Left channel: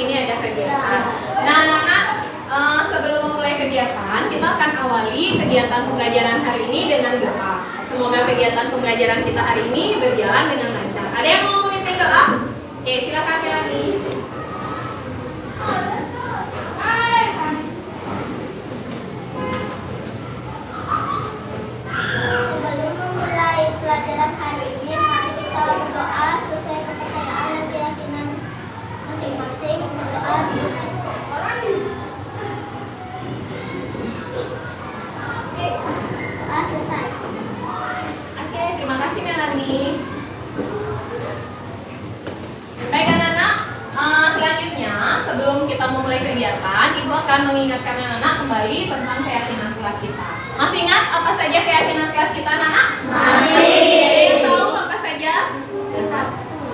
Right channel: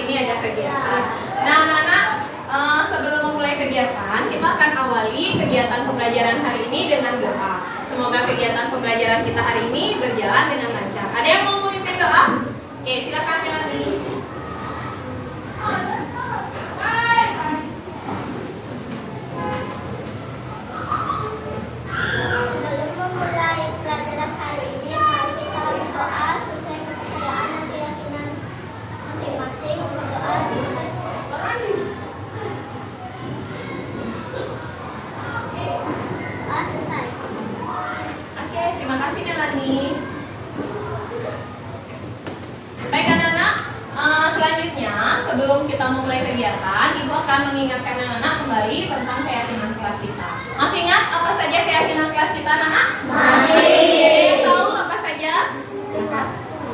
hari ini ada kegiatan. Nah, anak-anak, sebelum memulai kegiatan, kita akan awali kegiatan pembelajaran hari ini dengan doa. Semoga kegiatan pembelajaran kita hari ini berjalan dengan lancar. Ada yang mau memimpin doa? Oke, silakan Kelly. Sebelum memulai pelajaran hari ini, mari kita berdoa sesuai kepercayaan dan keyakinan masing-masing. Berdoa dimulai. Doa selesai. Oke, terima kasih Melanie. Baik anak-anak, selanjutnya sebelum kita memulai kegiatan, Ibu akan mengingatkan anak-anak kembali tentang keyakinan kelas kita. Masih ingat apa saja keyakinan kelas kita, anak-anak? Masih. Tahu apa saja?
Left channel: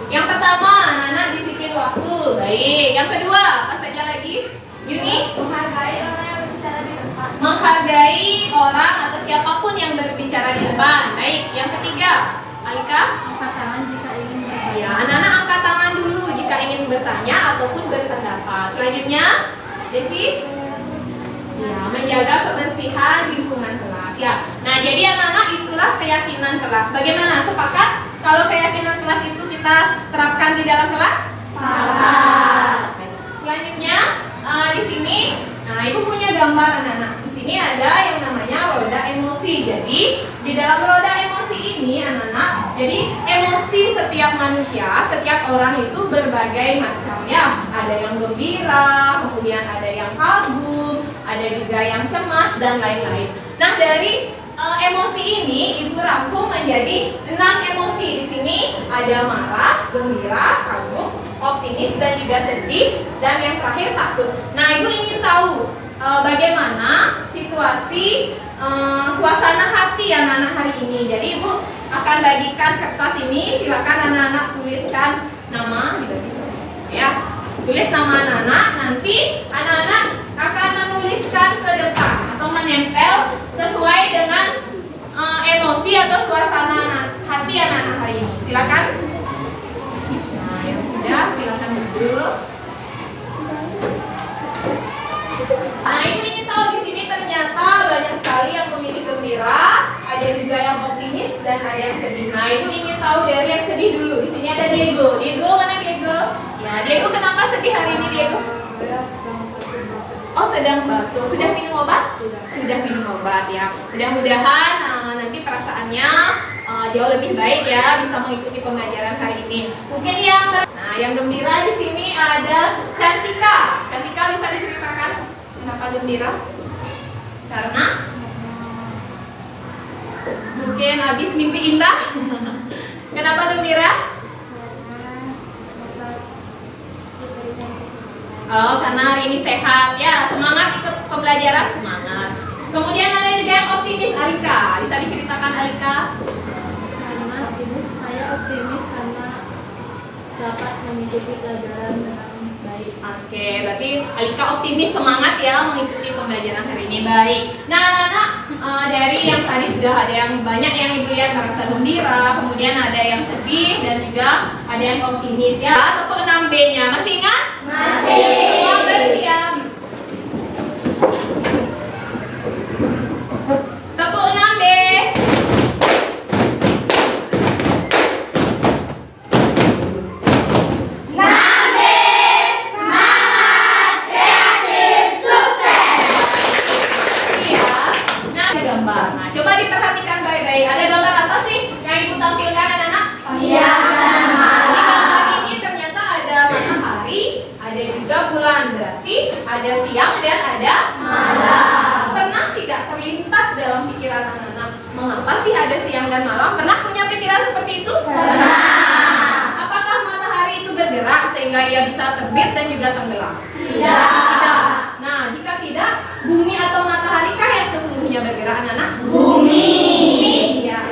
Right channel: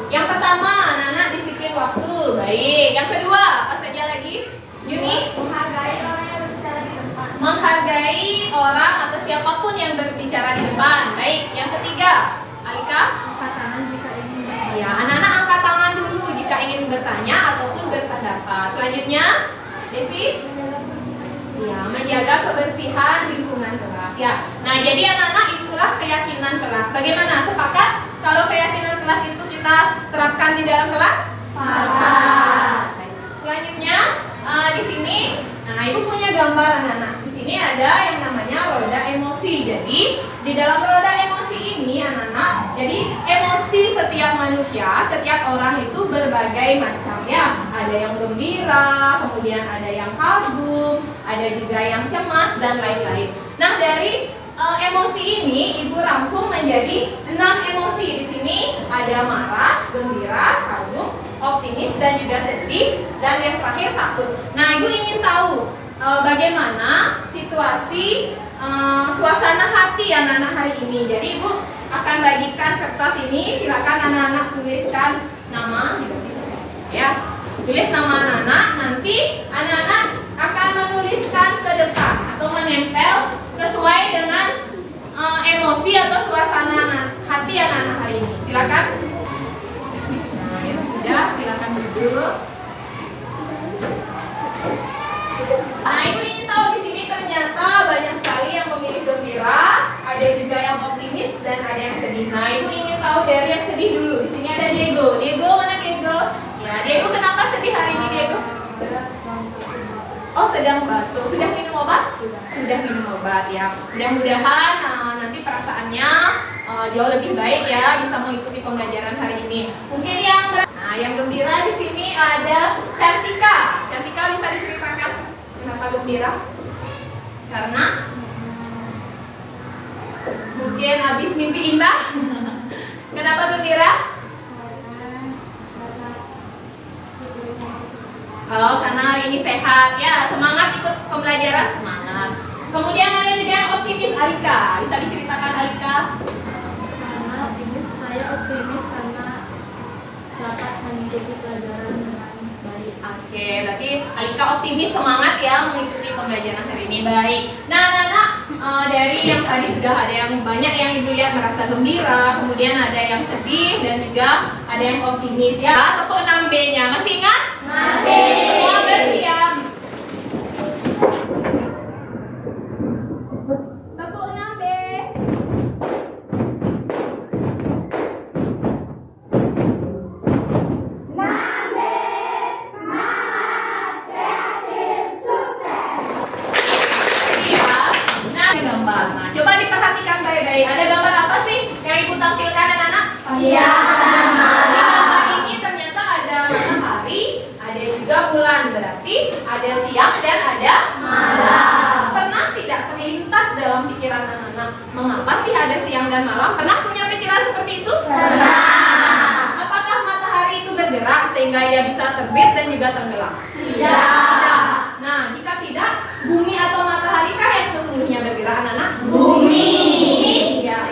Yang pertama, anak-anak disiplin waktu. Baik. Yang kedua, apa saja lagi? Yuni? Menghargai orang yang berbicara di depan. Menghargai orang atau siapapun yang berbicara di depan. Baik. Yang ketiga, Alika? Angkat tangan jika ingin bertanya. Ya, anak-anak angkat tangan dulu jika ingin bertanya ataupun berpendapat. Selanjutnya, Devi? Ya, menjaga kebersihan lingkungan kelas. Ya. Nah, jadi anak-anak itulah keyakinan kelas. Bagaimana? Sepakat kalau keyakinan kelas itu kita terapkan di dalam kelas? Sepakat. Baik. Selanjutnya, di sini, nah Ibu punya gambar anak-anak. Di sini ada yang namanya roda emosi. Jadi, di dalam roda emosi ini anak-anak, jadi emosi setiap manusia, setiap orang itu berbagai macam ya. Ada yang gembira, kemudian ada yang kagum, ada juga yang cemas dan lain-lain. Nah, dari emosi ini Ibu rangkum menjadi 6 emosi. Di sini ada marah, gembira, kagum, optimis dan juga sedih, dan yang terakhir takut. Nah, Ibu ingin tahu bagaimana situasi suasana hati anak-anak hari ini. Jadi Ibu akan bagikan kertas ini, silakan anak-anak tuliskan nama ya. Tulis nama anak-anak, nanti anak-anak akan menuliskan ke depan atau menempel sesuai dengan emosi atau suasana hati anak-anak hari ini. Silakan. Nah, yang sudah silakan duduk. Nah, Ibu ingin tahu di sini ternyata banyak sekali yang memilih gembira, ada juga yang optimis dan ada yang sedih. Nah, Ibu ingin tahu dari yang sedih dulu. Di sini ada Diego. Diego mana Diego? Ya, Diego kenapa sedih hari ini Diego? Oh, sedang batuk. Sudah minum obat? Sudah minum obat ya. Mudah-mudahan nanti perasaannya jauh lebih baik ya, bisa mengikuti pembelajaran hari ini. Mungkin yang gembira di sini ada Cantika. Cantika bisa diceritakan kenapa gembira? Karena mungkin habis mimpi indah. Kenapa gembira? Oh, karena hari ini sehat ya, semangat ikut pembelajaran, semangat. Kemudian ada juga yang optimis, Alika. Bisa diceritakan Alika? Karena saya optimis karena dapat mengikuti pelajaran dengan baik. Oke, berarti Alika optimis, semangat ya mengikuti pembelajaran hari ini. Baik. Nah, anak-anak, dari yang tadi sudah ada yang banyak yang Ibu lihat merasa gembira, kemudian ada yang sedih dan juga ada yang optimis ya. Tepuk 6B-nya. Masih ingat? Masih. Semua bersiap. Tepuk 6B. Nah, coba diperhatikan baik-baik. Ada gambar apa sih yang Ibu tampilkan anak-anak? Iya. Di gambar ini ternyata ada matahari, ada juga bulan. Berarti ada siang dan ada malam. Pernah tidak terlintas dalam pikiran anak-anak mengapa sih ada siang dan malam? Pernah punya pikiran seperti itu? Pernah. Apakah matahari itu bergerak sehingga ia bisa terbit dan juga tenggelam? Tidak. Nah, jika tidak, bumi atau matahari kah yang sesungguhnya bergerak anak-anak? Bumi. Ya.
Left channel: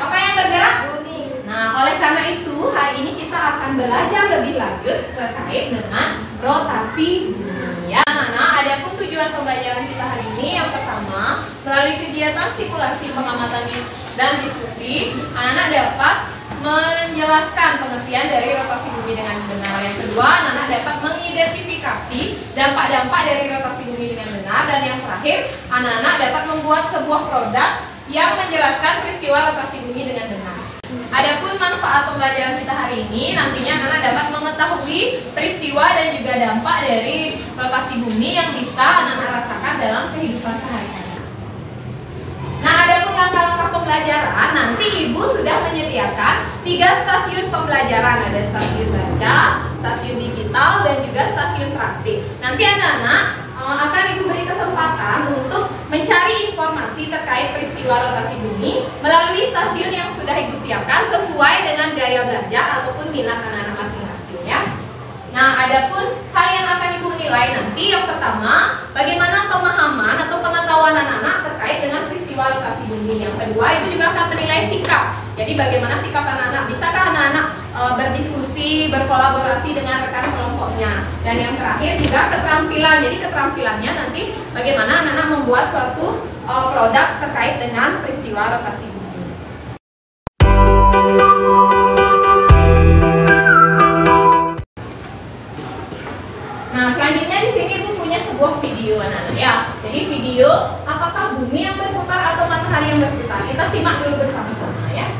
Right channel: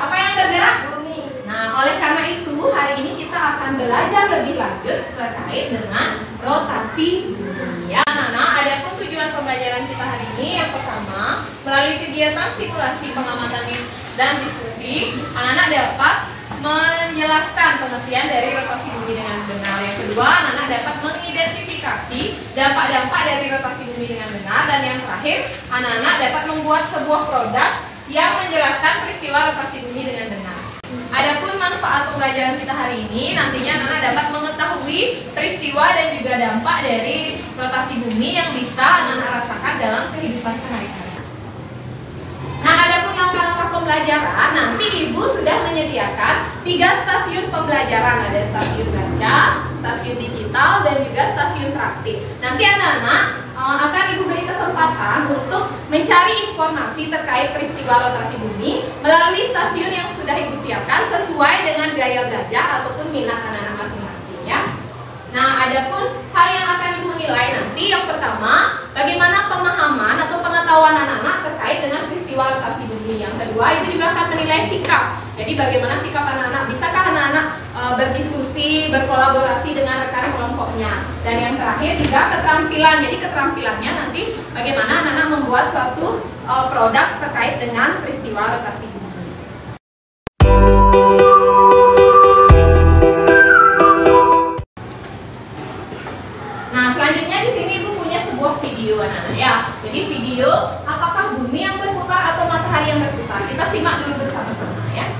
Apa yang bergerak? Bumi. Nah, oleh karena itu hari ini kita akan belajar lebih lanjut terkait dengan rotasi bumi. Ya, anak-anak, ada pun tujuan pembelajaran kita hari ini. Yang pertama, melalui kegiatan simulasi pengamatan dan diskusi, anak-anak dapat menjelaskan pengertian dari rotasi bumi dengan benar. Yang kedua, anak-anak dapat mengidentifikasi dampak-dampak dari rotasi bumi dengan benar. Dan yang terakhir, anak-anak dapat membuat sebuah produk yang menjelaskan peristiwa rotasi bumi dengan benar. Adapun manfaat pembelajaran kita hari ini, nantinya anak-anak dapat mengetahui peristiwa dan juga dampak dari rotasi bumi yang bisa anak-anak rasakan dalam kehidupan sehari-hari. Nah, adapun langkah-langkah pembelajaran, nanti Ibu sudah menyediakan 3 stasiun pembelajaran. Ada stasiun baca, stasiun digital, dan juga stasiun praktik. Nanti anak-anak akan Ibu beri kesempatan untuk mencari informasi terkait peristiwa rotasi bumi melalui stasiun yang sudah Ibu siapkan sesuai dengan gaya belajar ataupun minat anak-anak masing-masing ya. Nah, adapun hal yang akan Ibu nilai nanti, yang pertama, bagaimana pemahaman atau pengetahuan anak-anak terkait dengan peristiwa rotasi bumi. Yang kedua, Ibu juga akan menilai sikap. Jadi bagaimana sikap anak-anak, bisakah anak-anak berdiskusi, berkolaborasi dengan rekan kelompoknya. Dan yang terakhir juga keterampilan. Jadi keterampilannya nanti bagaimana anak-anak membuat suatu produk terkait dengan peristiwa rotasi bumi. Nah, selanjutnya di sini Ibu punya sebuah video anak-anak ya. Jadi video apakah bumi yang berputar atau matahari yang berputar. Kita simak dulu bersama-sama ya.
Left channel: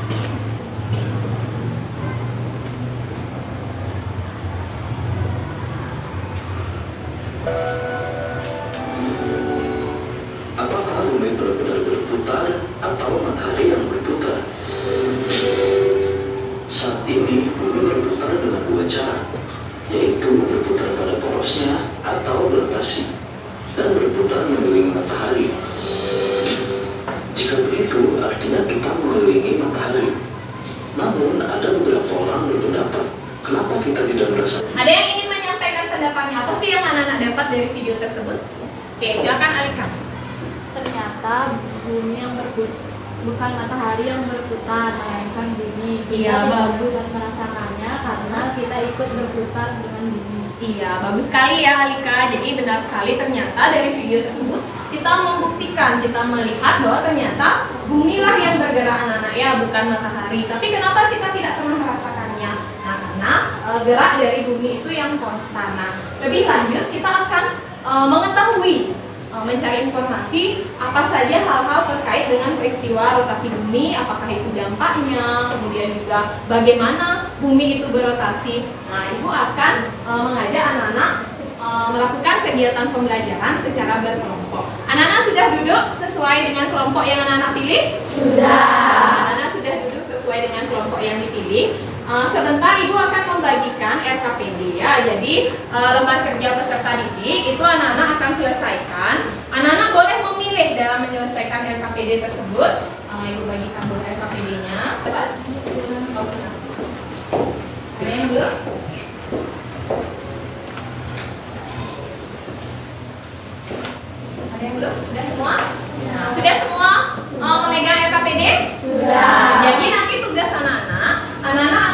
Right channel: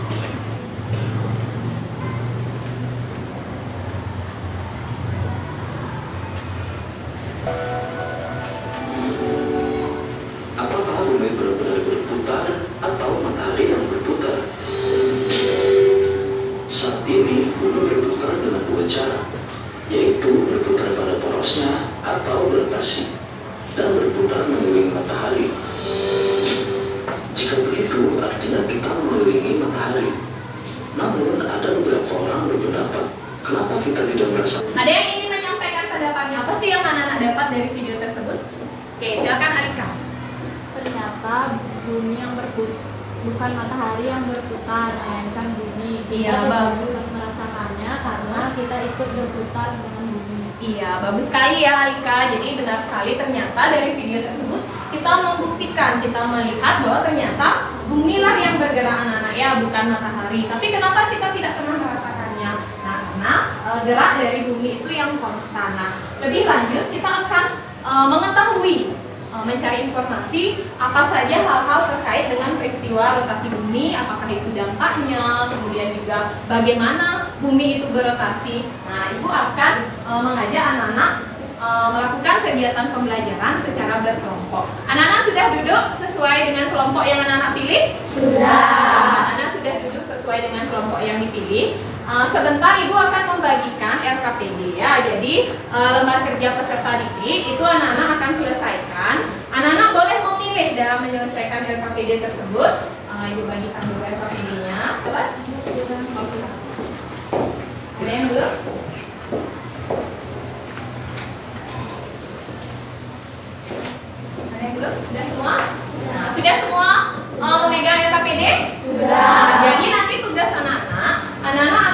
Apakah bumi benar-benar berputar atau matahari yang berputar? Saat ini bumi berputar dengan 2 cara, yaitu berputar pada porosnya atau berotasi, dan berputar mengelilingi matahari. Jika begitu, artinya kita mengelilingi matahari. Namun, ada beberapa orang berpendapat, kenapa kita tidak merasa? Ada yang ingin menyampaikan pendapatnya? Apa sih yang anak-anak dapat dari video tersebut? Oke, silakan Alika. Ternyata bumi yang bukan matahari yang berputar, melainkan bumi. Iya, bagus. Kita merasakannya karena kita ikut berputar dengan bumi. Iya, bagus sekali ya Alika. Jadi benar sekali, ternyata dari video tersebut kita membuktikan, kita melihat bahwa ternyata bumilah yang bergerak anak-anak ya, bukan matahari. Tapi kenapa kita tidak pernah merasakannya? Nah, karena gerak dari bumi itu yang konstan. Nah, lebih lanjut kita akan mengetahui, mencari informasi apa saja hal-hal terkait dengan peristiwa rotasi bumi, apakah itu dampaknya, kemudian juga bagaimana bumi itu berotasi. Nah, Ibu akan mengajak anak-anak melakukan kegiatan pembelajaran secara berkelompok. Anak-anak sudah duduk sesuai dengan kelompok yang anak-anak pilih? Sudah. Anak-anak sudah duduk sesuai dengan kelompok yang dipilih. Sebentar Ibu akan membagikan LKPD ya. Jadi lembar kerja peserta didik itu anak-anak akan selesaikan. Anak-anak boleh memilih dalam menyelesaikan LKPD tersebut. Ibu bagikan dulu LKPD-nya. Ada yang belum? Ada yang belum? Sudah semua? Nah, sudah semua memegang LKPD? Sudah. Jadi nanti tugas anak-anak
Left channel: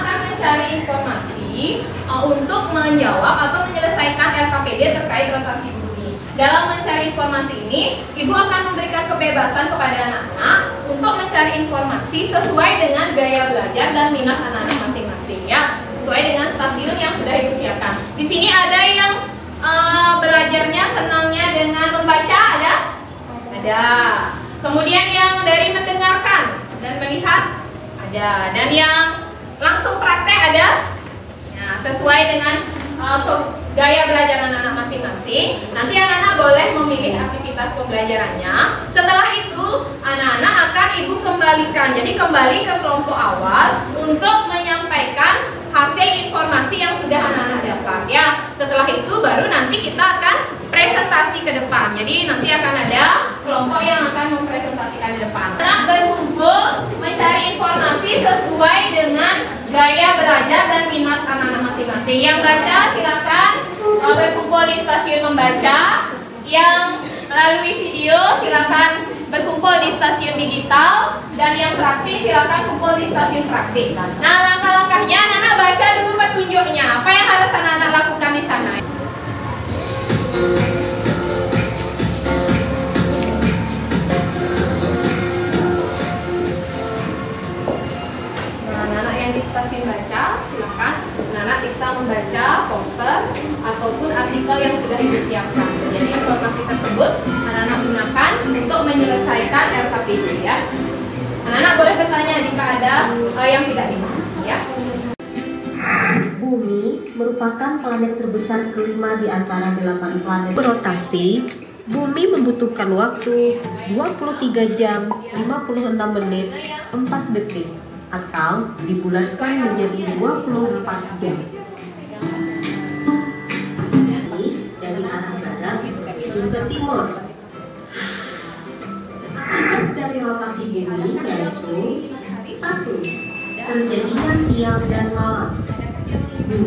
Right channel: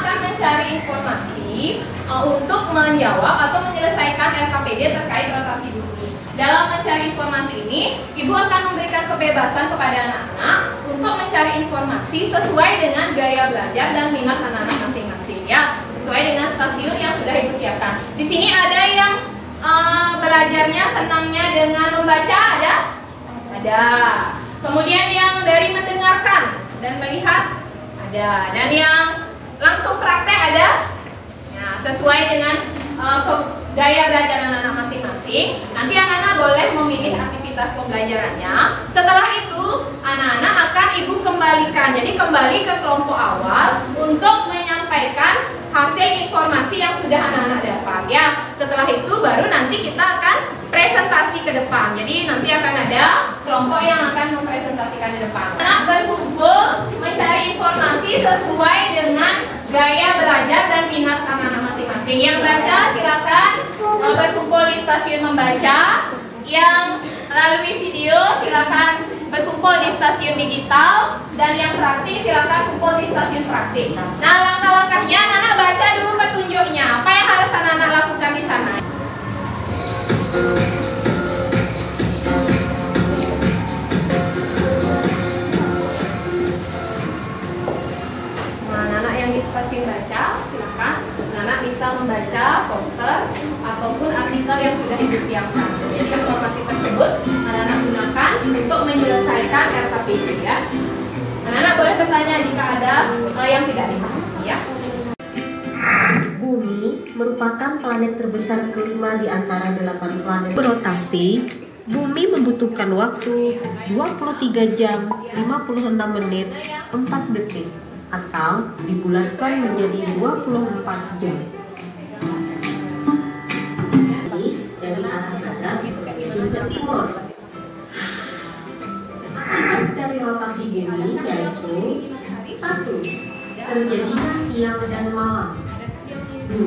akan mencari informasi untuk menjawab atau menyelesaikan LKPD terkait rotasi bumi. Dalam mencari informasi ini, Ibu akan memberikan kebebasan kepada anak-anak untuk mencari informasi sesuai dengan gaya belajar dan minat anak-anak masing-masing ya, sesuai dengan stasiun yang sudah Ibu siapkan. Di sini ada yang belajarnya senangnya dengan membaca, ada? Ada. Kemudian yang dari mendengarkan dan melihat, ada. Dan yang langsung praktek ada? Nah, sesuai dengan gaya belajar anak-anak masing-masing. Nanti anak-anak boleh memilih aktivitas pembelajarannya. Setelah itu, anak-anak akan Ibu kembalikan. Jadi kembali ke kelompok awal untuk menyampaikan hasil informasi yang sudah anak-anak dapat ya. Setelah itu baru nanti kita akan presentasi ke depan. Jadi nanti akan ada kelompok yang akan mempresentasikan ke depan. Anak berkumpul mencari informasi sesuai dengan gaya belajar dan minat anak-anak masing-masing. Yang baca silakan berkumpul di stasiun membaca. Yang melalui video silakan berkumpul di stasiun digital, dan yang praktik silakan kumpul di stasiun praktik. Nah, langkah-langkahnya anak-anak baca dulu petunjuknya. Apa yang harus anak-anak lakukan di sana? Nah, anak-anak yang di artikel yang sudah Ibu siapkan. Jadi informasi tersebut anak-anak gunakan untuk menyelesaikan RKPD ya. Anak-anak boleh bertanya jika ada yang tidak dipahami ya. Bumi merupakan planet terbesar kelima di antara 8 planet berotasi. Bumi membutuhkan waktu 23 jam 56 menit 4 detik atau dibulatkan menjadi 24 jam. Ini dari arah barat hingga timur. Akibat dari rotasi bumi yaitu 1. Terjadinya siang dan malam. 2.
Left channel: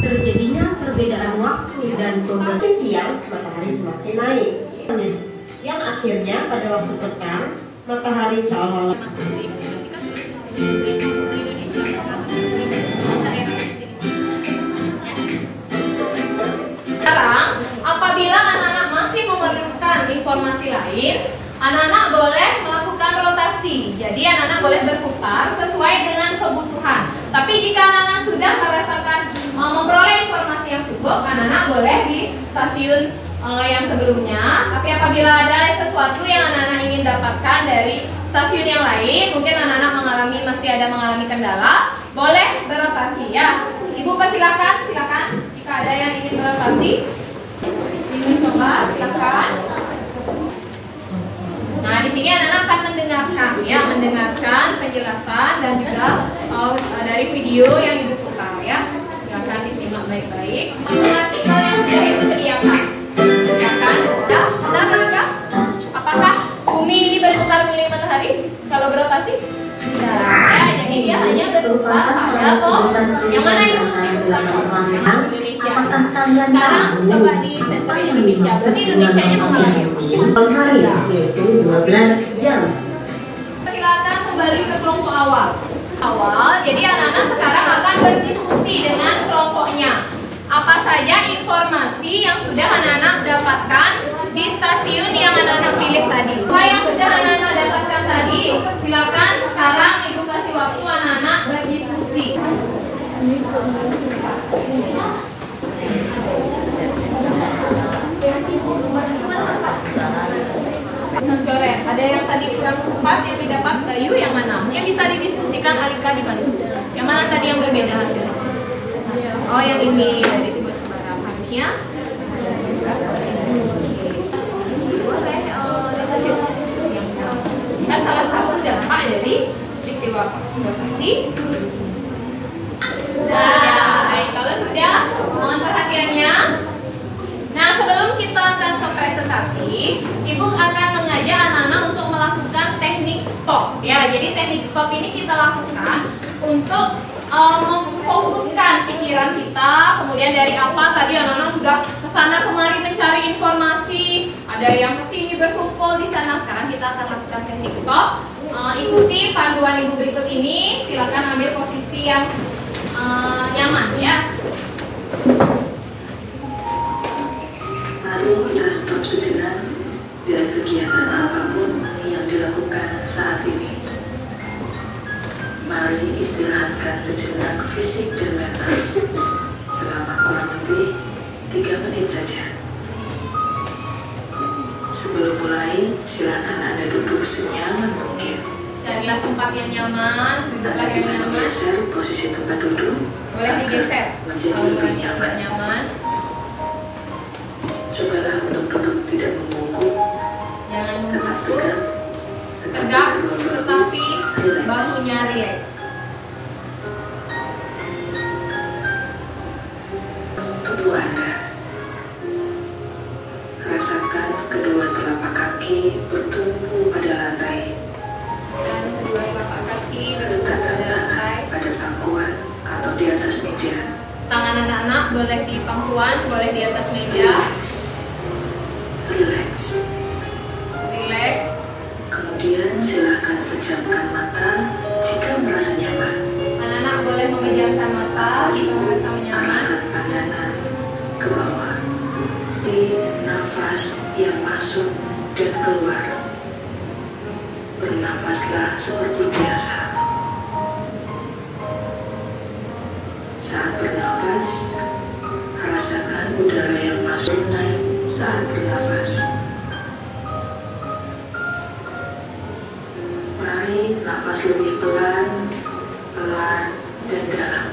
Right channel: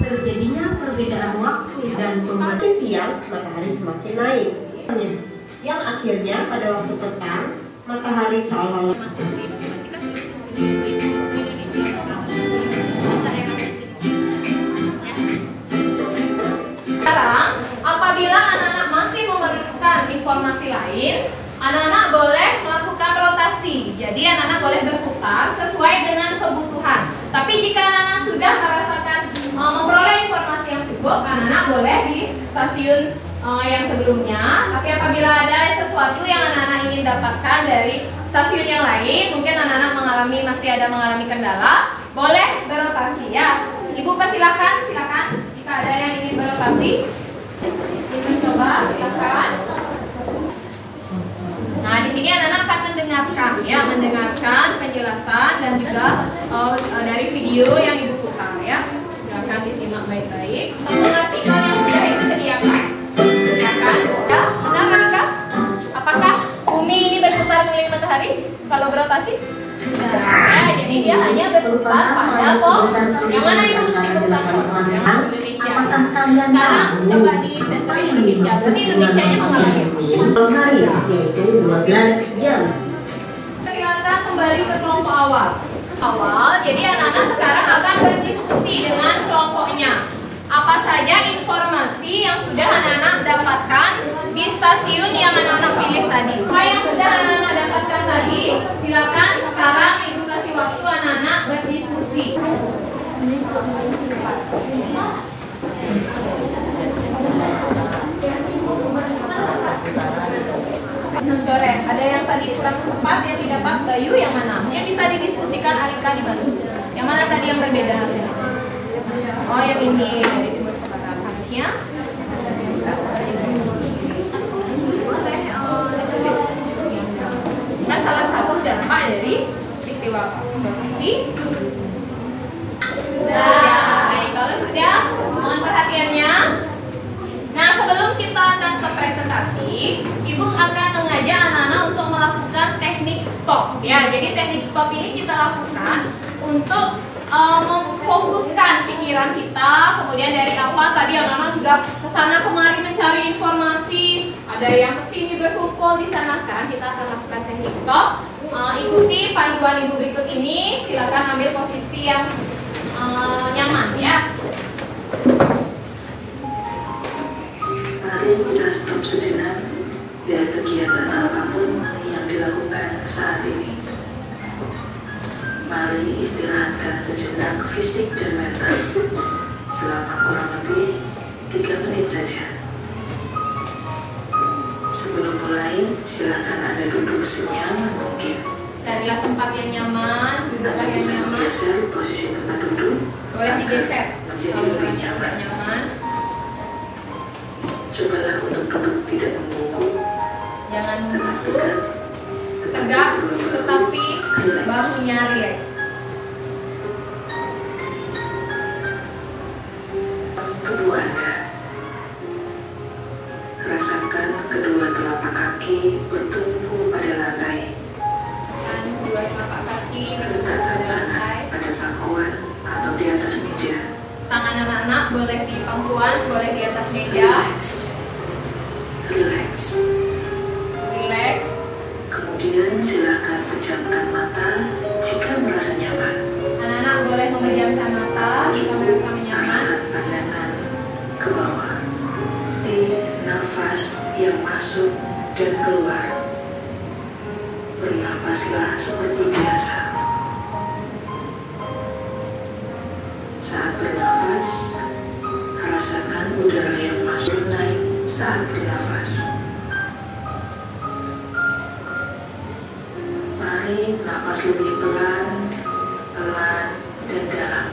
Terjadinya perbedaan waktu dan semakin siang matahari semakin naik. Yang akhirnya pada waktu petang matahari seolah-olah sekarang apabila anak-anak masih memerlukan informasi lain, anak-anak boleh melakukan rotasi. Jadi anak-anak boleh berputar sesuai dengan kebutuhan. Tapi jika anak-anak sudah merasakan memperoleh informasi yang cukup, anak-anak boleh di stasiun yang sebelumnya. Tapi apabila ada sesuatu yang anak-anak ingin dapatkan dari stasiun yang lain, mungkin anak-anak masih mengalami kendala, boleh berotasi ya. Ibu persilakan, silakan. Jika ada yang ingin berotasi, ingin mencoba, silakan. Nah, di sini anak-anak akan mendengarkan penjelasan dan juga dari video yang Ibu putar ya. Silakan disimak baik-baik. Artikel yang sudah Ibu sediakan. Silakan. Benar? Apakah bumi ini berputar mengelilingi matahari kalau berotasi? Tidak. Ya, jadi dia hanya berputar pada pos. Yang mana Ibu sebutkan? Indonesia. Apakah kalian tahu Coba di sensor Indonesia. Berarti Indonesia-nya mengalami. yaitu 12 jam. Silakan kembali ke kelompok awal. Jadi anak-anak sekarang akan berdiskusi dengan kelompoknya. Apa saja informasi yang sudah anak-anak dapatkan di stasiun yang anak-anak pilih tadi. Apa yang sudah anak-anak dapatkan tadi, silakan sekarang Ibu kasih waktu anak-anak berdiskusi. Sore, ada yang tadi kurang tepat yang didapat Bayu yang mana? Mungkin bisa didiskusikan Alika dibantu. Yang mana tadi yang berbeda? Oh, yang ini dari timur ke barat harusnya. Boleh diskusi yang kan salah satu dampak dari peristiwa rotasi. Baik, kalau sudah mohon perhatiannya. Nah, sebelum kita akan ke presentasi, Ibu akan mengajak anak-anak untuk melakukan teknik stop. Ya, jadi teknik stop ini kita lakukan untuk memfokuskan pikiran kita. Kemudian dari apa tadi anak-anak sudah kesana kemari mencari informasi, ada yang kesini berkumpul di sana. Sekarang kita akan lakukan teknik stop. Ikuti panduan Ibu berikut ini. Silakan ambil posisi yang nyaman ya. Mari kita stop sejenak dari kegiatan apapun yang dilakukan saat ini. Mari istirahatkan sejenak fisik dan mental selama kurang lebih 3 menit saja. Sebelum mulai, silakan Anda duduk senyaman mungkin. Carilah tempat yang nyaman, duduklah Anda yang bisa nyaman. menggeser posisi tempat duduk Boleh digeser menjadi kalau lebih dirasa tidak nyaman. nyaman. Cobalah untuk duduk tidak membungkuk, Jangan tetap membungkuk, tegak, tegak, kedua bahu tetapi relax. bahunya rileks. Tubuh Anda. Rasakan kedua telapak kaki bertumpu pada lantai. Dan kedua telapak kaki berada Letakkan pada tangan lantai. pada pangkuan atau di atas meja. Tangan anak-anak boleh di pangkuan, boleh di atas meja. Relax. Relax. Kemudian silakan pejamkan mata jika merasa nyaman. Anak-anak boleh memejamkan mata jika merasa nyaman. Arahkan pandangan ke bawah. Ini nafas yang masuk dan keluar. Bernafaslah seperti biasa. Saat bernafas, rasakan udara yang masuk naik saat bernafas. Mari nafas lebih pelan, dan dalam,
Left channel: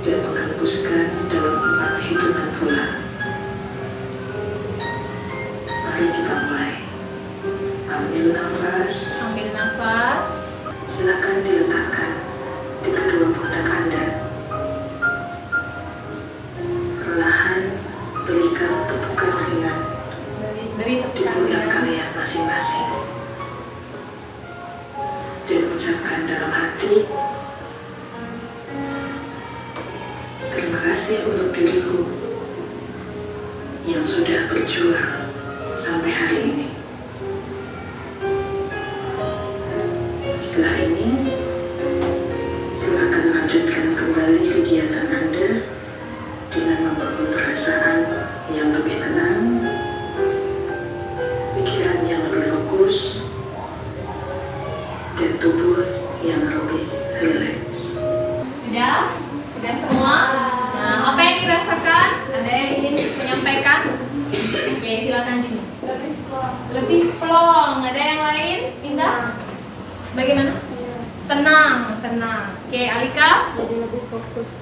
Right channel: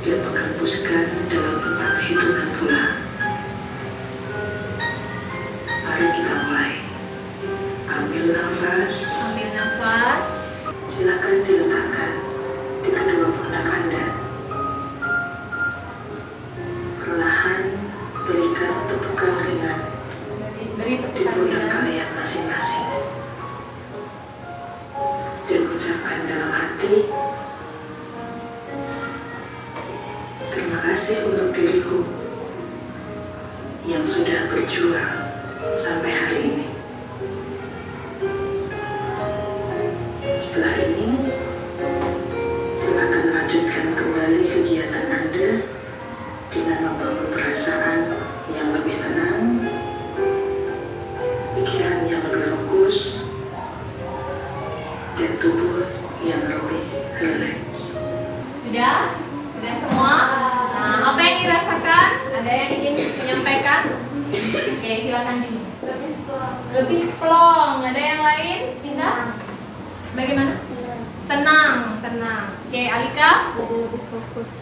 dan menghembuskan dalam 4 hitungan pula. Mari kita mulai. Ambil nafas. Ambil nafas. Silakan diletakkan di kedua pundak Anda. Perlahan berikan tepukan ringan Beri di pundak kalian masing-masing. Dan ucapkan dalam hati, terima kasih untuk diriku yang sudah berjuang sampai hari ini. Setelah ini, silakan lanjutkan kembali kegiatan Anda dengan membangun perasaan yang lebih tenang, pikiran yang lebih fokus, dan tubuh yang lebih rileks. Sudah? Sudah semua? Nah, apa yang dirasakan? Ada yang ingin menyampaikan? Oke, silakan Jimmy. Lebih plong. Ada yang lain? Indah? Bagaimana? Tenang, tenang. Oke, Alika?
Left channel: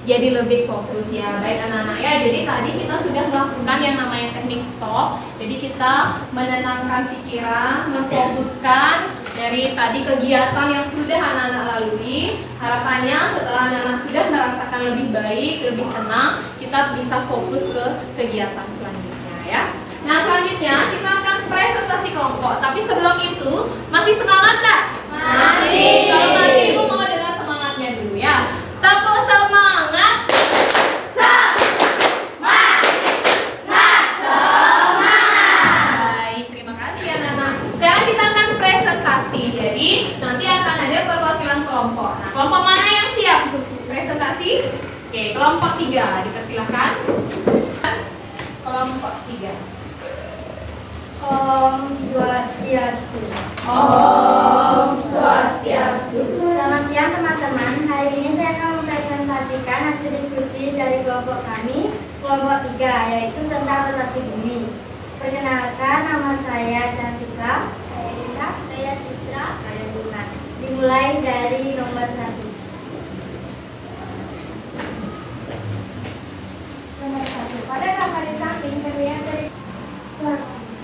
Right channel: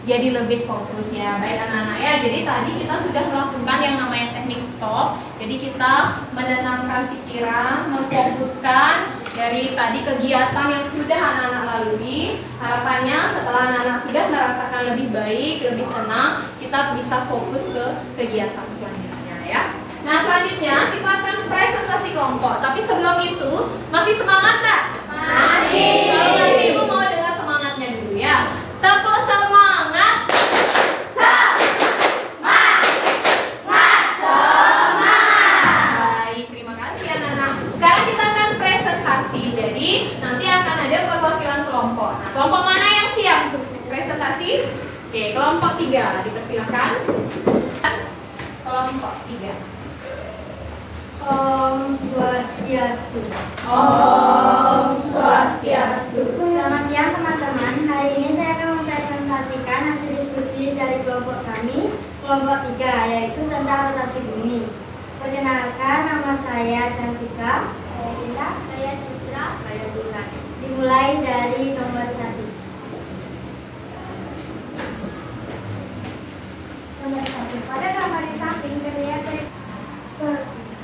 Jadi lebih fokus ya. Baik anak-anak ya. Jadi tadi kita sudah melakukan yang namanya teknik stop. Jadi kita menenangkan pikiran, memfokuskan dari tadi kegiatan yang sudah anak-anak lalui. Harapannya setelah anak-anak sudah merasakan lebih baik, lebih tenang, kita bisa fokus ke kegiatan selanjutnya ya. Nah, selanjutnya kita akan presentasi kelompok. Tapi sebelum itu, masih semangat nggak? Masih. Kalau masih, Ibu mau dengar semangatnya dulu ya. Tepuk semangat. Baik, terima kasih anak-anak. Sekarang kita akan presentasi. Jadi nanti akan ada perwakilan kelompok. Nah, kelompok mana yang siap presentasi? Oke, kelompok 3 dipersilakan. Kelompok 3. Om Swastiastu. Om Swastiastu. Selamat siang teman-teman. Hari ini saya akan mempresentasikan hasil diskusi dari kelompok kami, kelompok 3, yaitu tentang rotasi bumi. Perkenalkan, nama saya Cantika. Saya Indah. Saya Citra. Saya Dina. Dimulai dari nomor 1. Nomor 1. Pada gambar di samping terlihat dari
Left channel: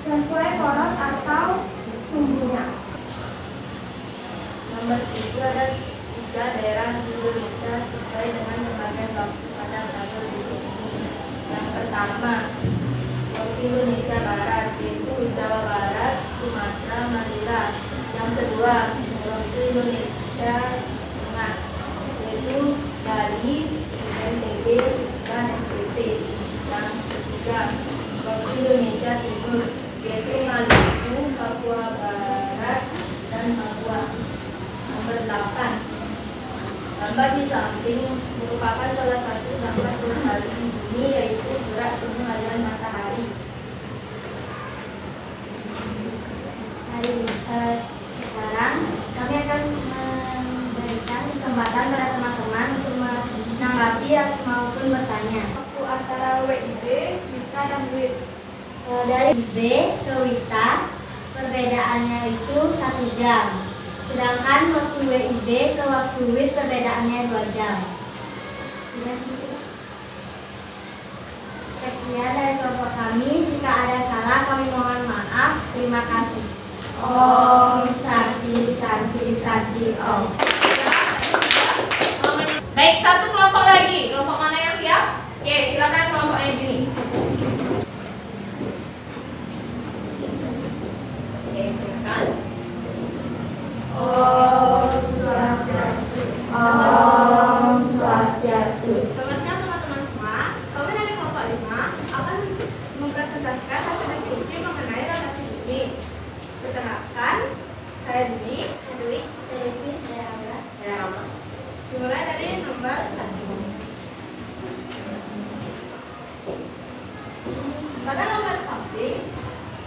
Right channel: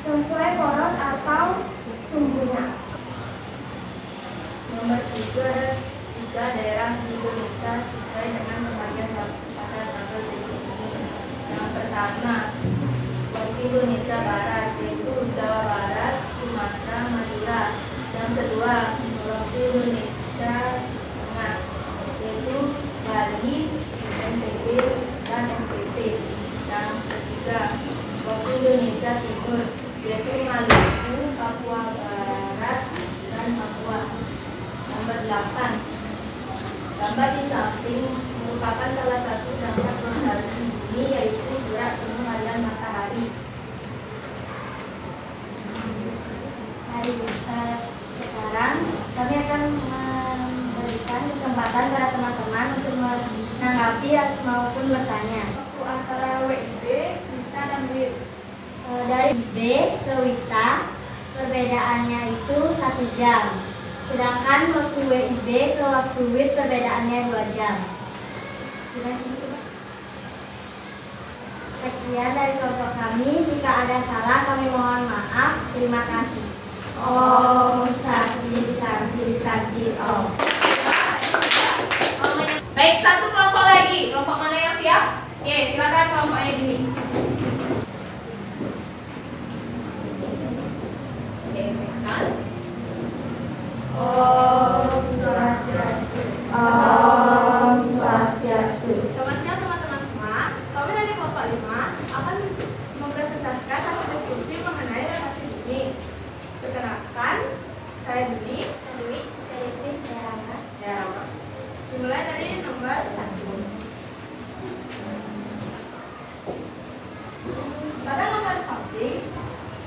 sesuai poros atau sumbunya. Nomor 7 ada 3 daerah di Indonesia sesuai dengan pembagian waktu pada tabel berikut ini. Yang pertama, waktu Indonesia Barat, yaitu Jawa Barat, Sumatera, Madura. Yang kedua, waktu Indonesia Tengah, yaitu Bali, NTB, dan NTT. Yang ketiga, waktu Indonesia Timur, yaitu Maluku, Papua Barat, dan Papua. Nomor 8, gambar di samping merupakan salah satu gambar rotasi bumi, yaitu gerak semu harian matahari. Sekarang kami akan memberikan kesempatan kepada teman-teman untuk menanggapi maupun bertanya. Waktu antara WIB, Wita, dan WIB. Dari IB ke Wita perbedaannya itu 1 jam. Sedangkan waktu WIB ke waktu WIT perbedaannya 2 jam. Sekian dari kelompok kami. Jika ada salah kami mohon maaf. Terima kasih. Om Santi Santi Santi Om. Baik, satu kelompok lagi. Kelompok mana yang siap? Oke, silakan kelompoknya Juni. Oke, silakan. Om Swastiastu. Om Swastiastu. Selamat siang teman-teman semua. Kami dari kelompok 5 akan mempresentasikan hasil diskusi mengenai rotasi bumi. Perkenalkan, saya Dini, Saya Dwi, saya Devin, saya Rangga. saya Rama. Dimulai dari nomor 1. Pada nomor samping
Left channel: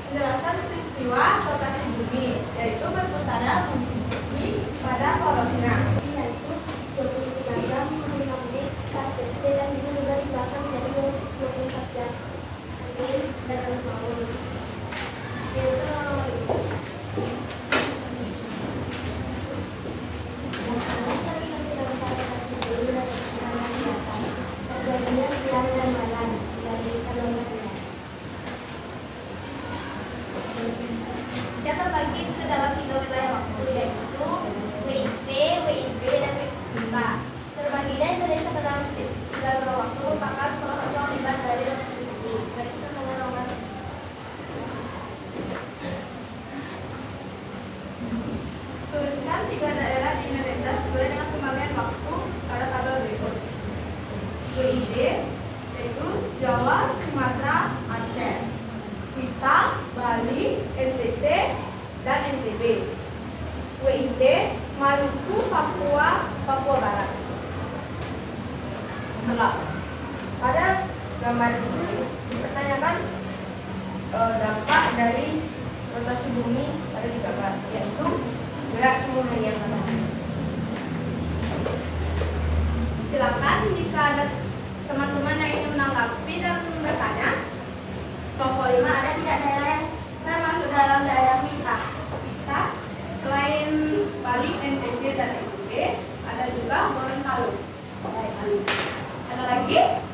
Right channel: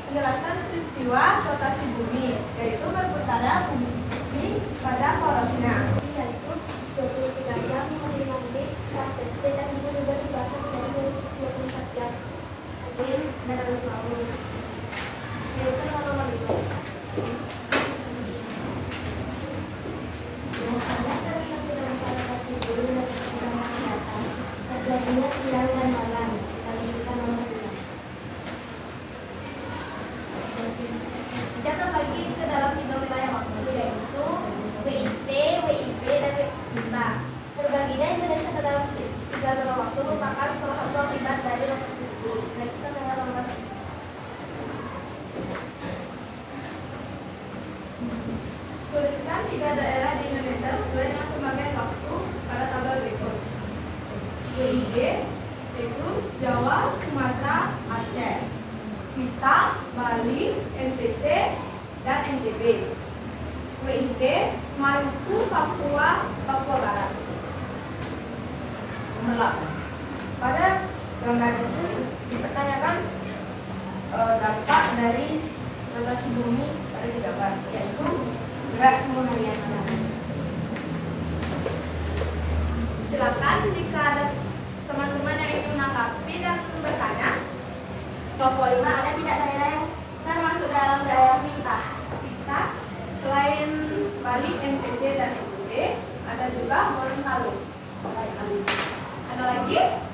menjelaskan peristiwa rotasi bumi, yaitu berputarnya bumi pada porosnya. Yaitu 23 jam, 55 menit, 4 detik, dan bisa juga dibahas menjadi 24 jam. Tuliskan 3 daerah di Indonesia sesuai dengan pembagian waktu pada tabel berikut. WID yaitu Jawa, Sumatera, Aceh. WITA, Bali, NTT, dan NTB. WIT, Maluku, Papua, Papua Barat. Pada gambar ini dipertanyakan dampak dari rotasi bumi pada gambar, yaitu gerak sumber harian matahari. Silakan jika ada teman-teman yang ingin menanggapi dan bertanya. Kelompok 5, ada tidak daerah yang termasuk dalam daerah WITA? WITA selain Bali, NTT, dan NTB, ada juga Gorontalo. Ada lagi?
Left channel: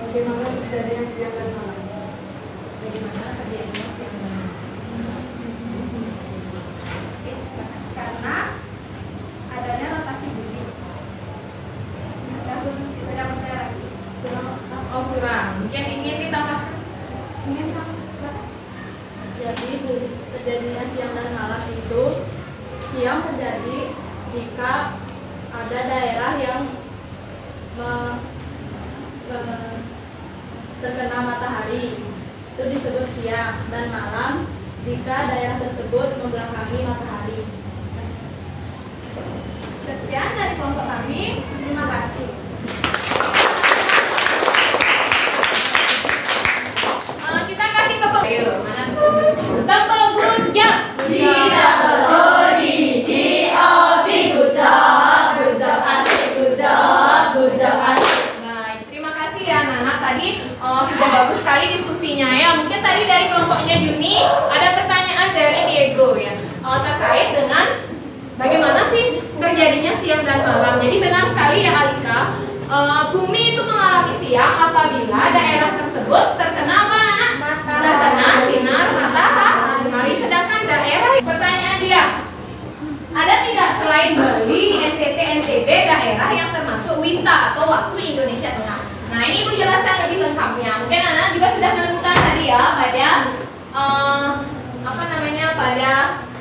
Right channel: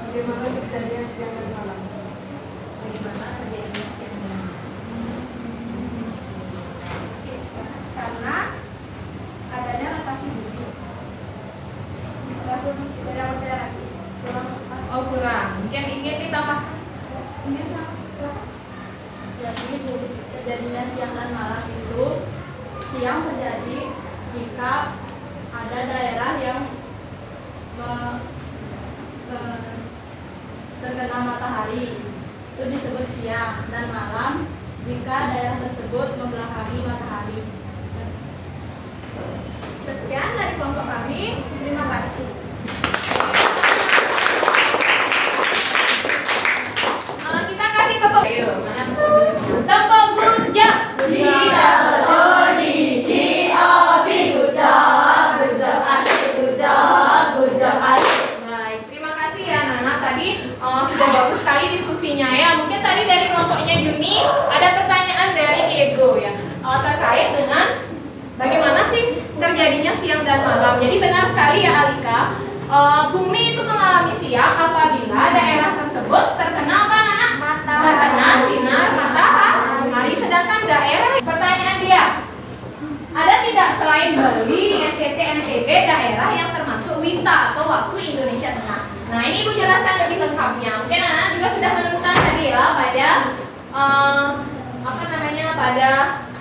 Bagaimana terjadinya siang dan malam? Bagaimana terjadinya siang dan malam? Karena adanya rotasi bumi. Tidak ada pertanyaan lagi. Oh kurang, mungkin ingin ditambahkan. Jadi terjadinya siang dan malam itu, siang terjadi jika ada daerah yang terkena matahari, itu disebut siang, dan malam jika daerah tersebut membelakangi matahari. Sekian dari kelompok kami. Terima kasih. Kita kasih tepuk. Ayo, mana tepuk gurja. Tidak perlu di GOP. Good job, asik, good job, asik. Nah, terima kasih ya anak-anak, tadi sudah bagus sekali diskusinya ya. Mungkin tadi dari kelompoknya Juni ada pertanyaan dari Diego ya, terkait dengan bagaimana sih terjadinya siang dan malam. Jadi benar sekali ya Alika, bumi itu mengalami siang apabila daerah tersebut terkena apa anak? Terkena sinar matahari. Sedangkan daerah, pertanyaan dia, ada tidak selain Bali, NTT, NTB daerah yang termasuk WITA atau waktu Indonesia Tengah? Nah ini Ibu jelaskan lebih lengkapnya. Mungkin anak juga sudah menemukan tadi ya pada pada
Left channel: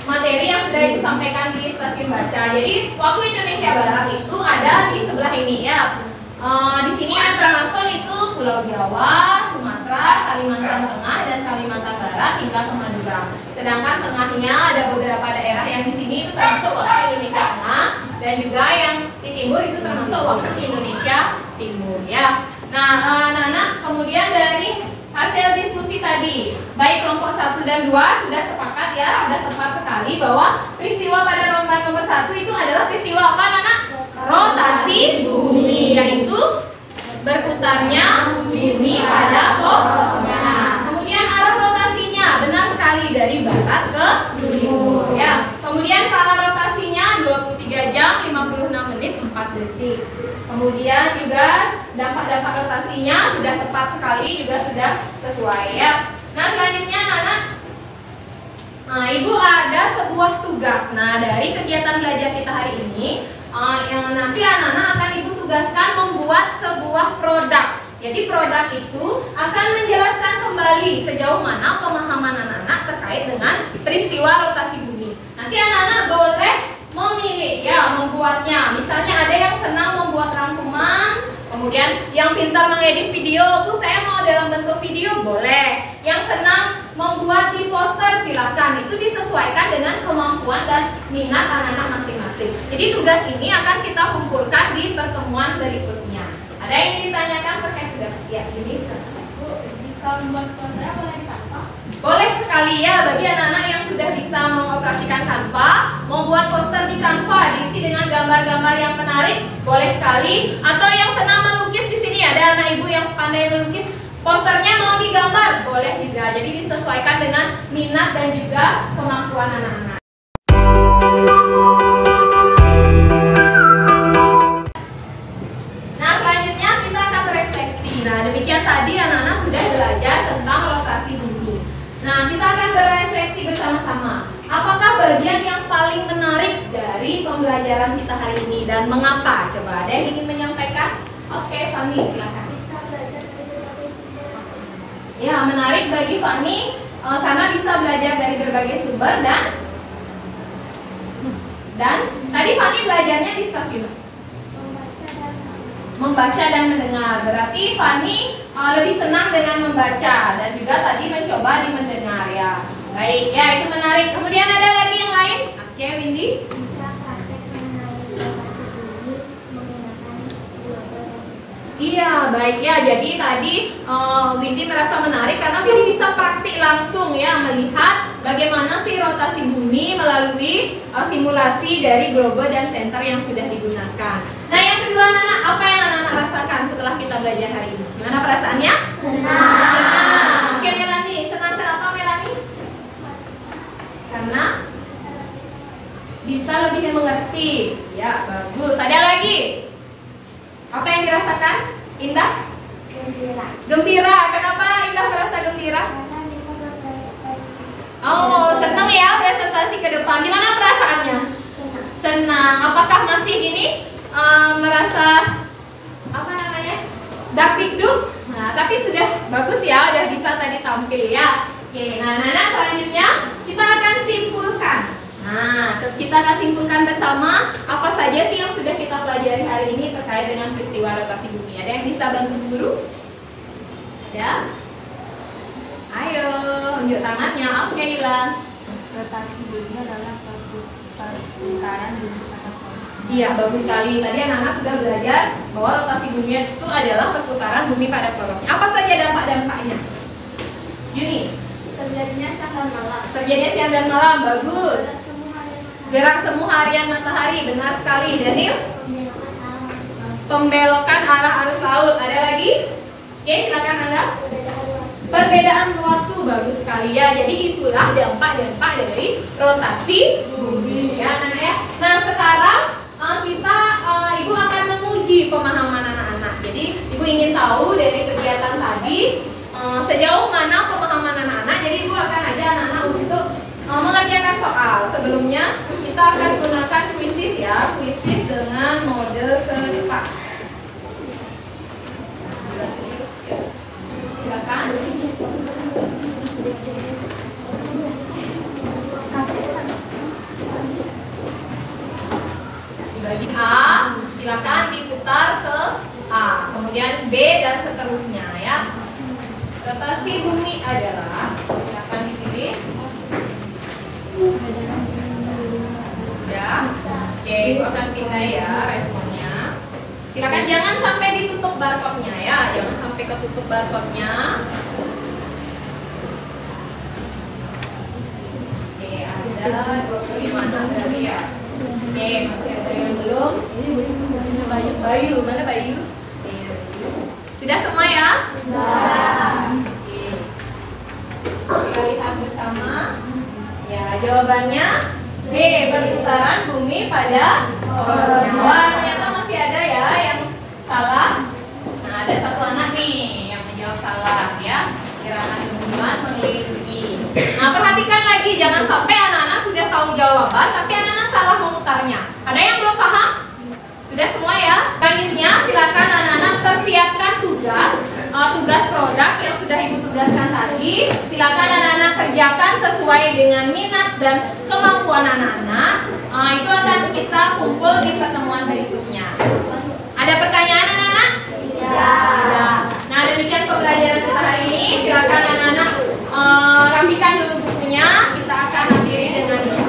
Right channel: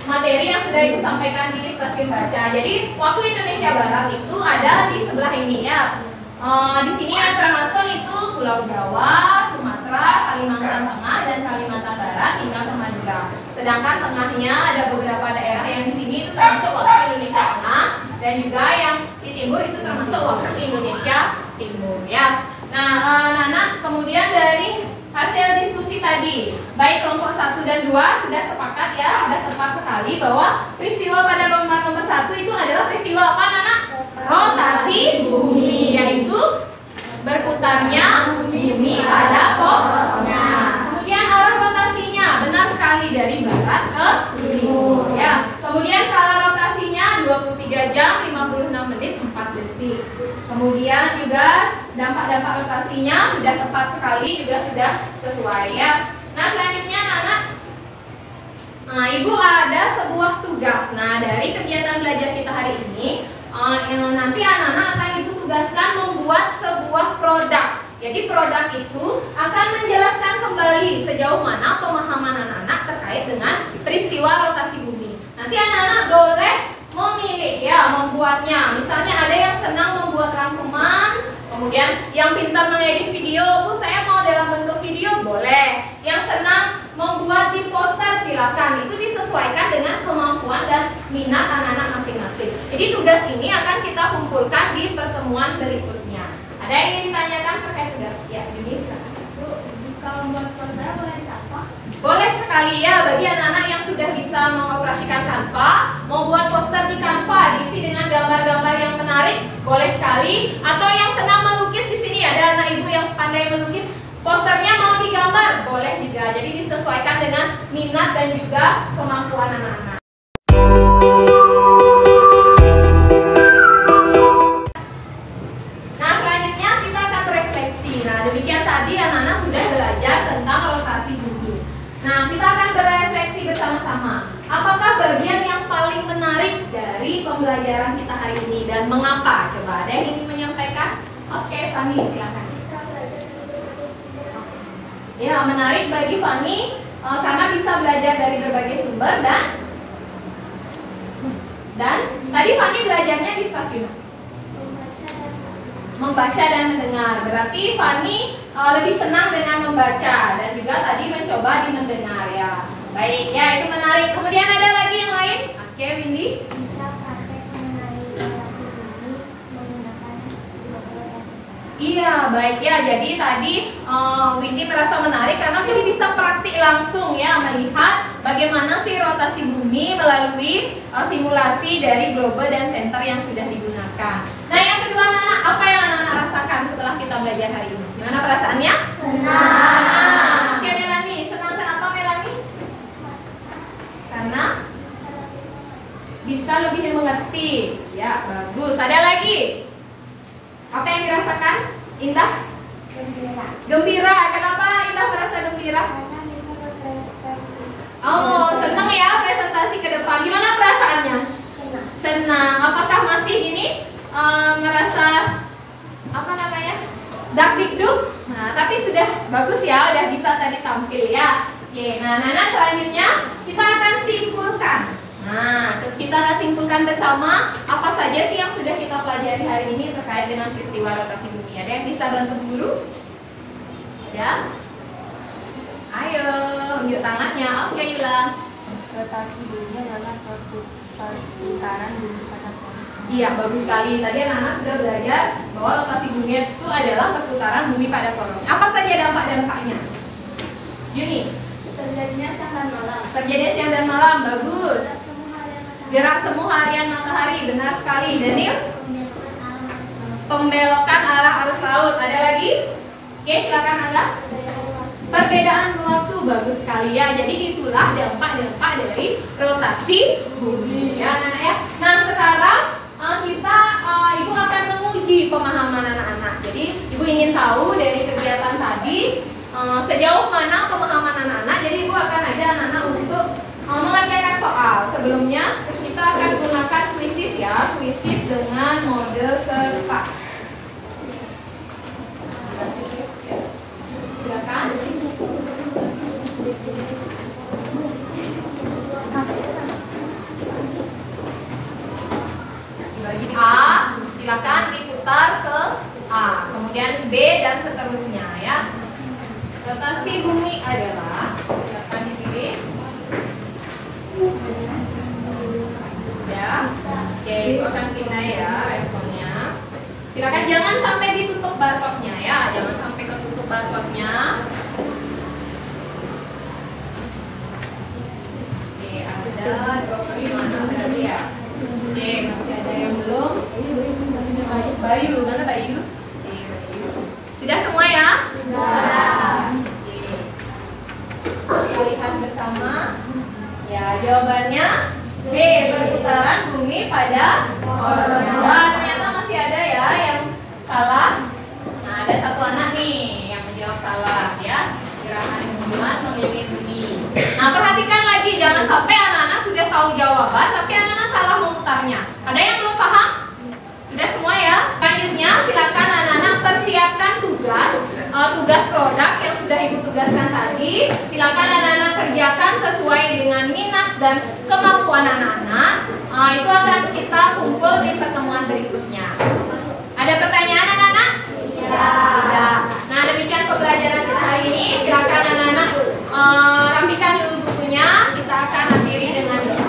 materi yang sudah Ibu sampaikan di stasiun baca. Jadi waktu Indonesia Barat itu ada di sebelah ini ya. Di sini yang termasuk itu Pulau Jawa, Sumatera, Kalimantan Tengah, dan Kalimantan Barat hingga ke Madura. Sedangkan tengahnya ada beberapa daerah yang di sini itu termasuk waktu Indonesia Tengah, dan juga yang di timur itu termasuk waktu Indonesia Timur ya. Nah, anak-anak, kemudian dari hasil diskusi tadi, baik kelompok 1 dan 2 sudah sepakat ya, sudah tepat sekali bahwa peristiwa pada lomba nomor 1 itu adalah peristiwa apa anak? Rotasi bumi, yaitu berputarnya bumi pada porosnya. Kemudian arah rotasinya benar sekali dari barat ke timur ya. Kemudian kala rotasinya 23 jam 56 menit 4 detik. Kemudian juga dampak-dampak rotasinya sudah tepat sekali, juga sudah sesuai ya. Nah selanjutnya anak, Ibu ada sebuah tugas. Nah dari kegiatan belajar kita hari ini, nanti anak-anak akan Ibu tugaskan membuat sebuah produk. Jadi produk itu akan menjelaskan kembali sejauh mana pemahaman anak-anak terkait dengan peristiwa rotasi bumi. Nanti anak-anak boleh memilih ya membuatnya. Misalnya ada yang senang membuat rangkuman, kemudian yang pintar mengedit video, Bu saya mau dalam bentuk video, boleh. Yang senang membuat di poster, silakan. Itu disesuaikan dengan kemampuan dan minat anak-anak masing-masing. Jadi tugas ini akan kita kumpulkan di pertemuan berikutnya. Ada yang ingin ditanyakan terkait tugas? Ya, ini silakan. Bu, jika membuat poster boleh di Canva? Boleh sekali ya, bagi anak-anak yang sudah bisa mengoperasikan Canva, membuat poster di Canva diisi dengan gambar-gambar yang menarik, boleh sekali. Atau yang senang melukis, di sini ada anak ibu yang pandai melukis, posternya mau digambar, boleh juga. Jadi disesuaikan dengan minat dan juga kemampuan anak-anak. Nah selanjutnya kita akan berefleksi. Nah demikian tadi anak-anak sudah belajar tentang rotasi bumi. Nah, kita akan berefleksi bersama-sama. Apakah bagian yang paling menarik dari pembelajaran kita hari ini dan mengapa? Coba ada yang ingin menyampaikan? Oke, Fani, silakan. Ya, menarik bagi Fani karena bisa belajar dari berbagai sumber dan tadi Fani belajarnya di stasiun membaca dan mendengar. Berarti Fani lebih senang dengan membaca dan juga tadi mencoba di mendengar ya. Baik, ya itu menarik. Kemudian ada lagi yang lain? Oke, Windy. Bisa praktek mengenai rotasi bumi menggunakan global. Iya, baik ya. Jadi tadi Windy merasa menarik karena Windy bisa praktik langsung ya, melihat bagaimana sih rotasi bumi melalui simulasi dari globe dan center yang sudah digunakan. Nah, yang kedua anak-anak, apa yang anak-anak rasakan setelah kita belajar hari ini? Gimana perasaannya? Senang. Oke, Melani, senang kenapa Melani? Karena bisa lebih mengerti. Ya, bagus. Ada lagi? Apa yang dirasakan? Indah? Gembira. Gembira. Kenapa Indah merasa gembira? Karena bisa berprestasi. Oh, senang ya presentasi ke depan. Gimana perasaannya? Senang. Apakah masih ini merasa apa namanya? Dakdikduk? Nah, tapi sudah bagus ya, udah bisa tadi tampil ya. Oke, nah selanjutnya kita akan simpulkan. Nah, terus kita akan simpulkan bersama apa saja sih yang sudah kita pelajari hari ini terkait dengan peristiwa rotasi bumi. Ada yang bisa bantu guru? Ada? Ayo, unjuk tangannya. Oke, Ilan. Rotasi bumi adalah perputaran bumi pada poros. Iya, bagus sekali. Tadi anak-anak sudah belajar bahwa rotasi bumi itu adalah perputaran bumi pada porosnya. Apa saja dampak-dampaknya? Yuni. Terjadinya siang dan malam. Terjadinya siang dan malam, bagus. Semua harian matahari. Gerak semu harian matahari, benar sekali. Daniel? Pembelokan arah. Pembelokan arah arus laut. Ada lagi? Oke, silakan Angga. Perbedaan waktu, bagus sekali ya. Jadi itulah dampak-dampak dari rotasi bumi ya anak-anak ya. Nah sekarang Ibu akan menguji pemahaman anak-anak. Jadi Ibu ingin tahu dari kegiatan tadi sejauh mana pemahaman anak-anak. Jadi Ibu akan ajak anak-anak untuk mengerjakan soal. Sebelumnya kita akan gunakan kuisis ya, kuisis dengan mode kertas. Silakan. Bagi A, silakan diputar ke A, kemudian B dan seterusnya ya. Rotasi bumi adalah, silakan dipilih. Ya, oke, itu akan pindah ya responnya. Silakan jangan sampai ditutup barcode-nya ya, jangan sampai ketutup barcode-nya. Oke, ada 25 dari ya. Oke, masih ada yang belum? Bayu, mana Bayu? Sudah semua ya? Sudah. Oke. Kita lihat bersama. Ya, jawabannya B, perputaran bumi pada porosnya. Wah, ternyata masih ada ya yang salah. Nah, ada satu anak nih yang menjawab salah ya. Gerakan hubungan mengelilingi bumi. Nah, perhatikan lagi, jangan sampai anak-anak sudah tahu jawaban tapi anak-anak salah memutarnya. Ada yang belum paham? Sudah semua ya? Selanjutnya silakan anak-anak persiapkan tugas produk yang sudah Ibu tugaskan tadi. Silakan anak-anak kerjakan sesuai dengan minat dan kemampuan anak-anak. Itu akan kita kumpul di pertemuan berikutnya. Ada pertanyaan anak-anak? Ya. Nah, demikian pembelajaran kita hari ini. Silakan anak-anak rapikan dulu bukunya. Kita akan akhiri dengan doa.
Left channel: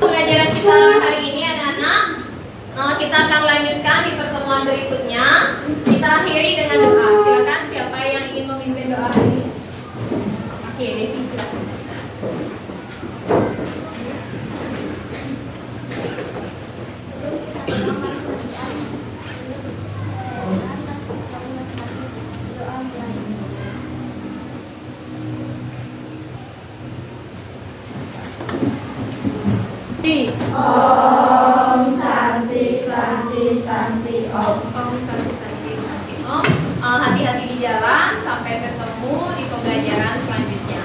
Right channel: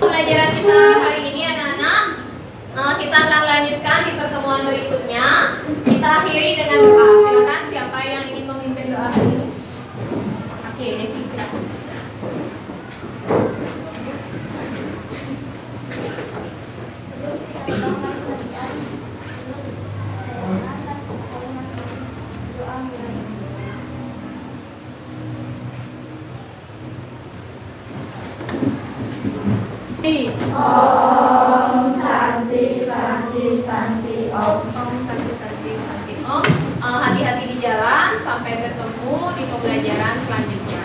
Pembelajaran kita hari ini anak-anak, kita akan lanjutkan di pertemuan berikutnya. Kita akhiri dengan doa. Silakan siapa yang ingin memimpin doa hari ini? Oke, Devi silakan. Om Santi Santi Santi Om. Om Santi Santi Santi Om. Hati-hati di jalan. Sampai bertemu di pembelajaran selanjutnya.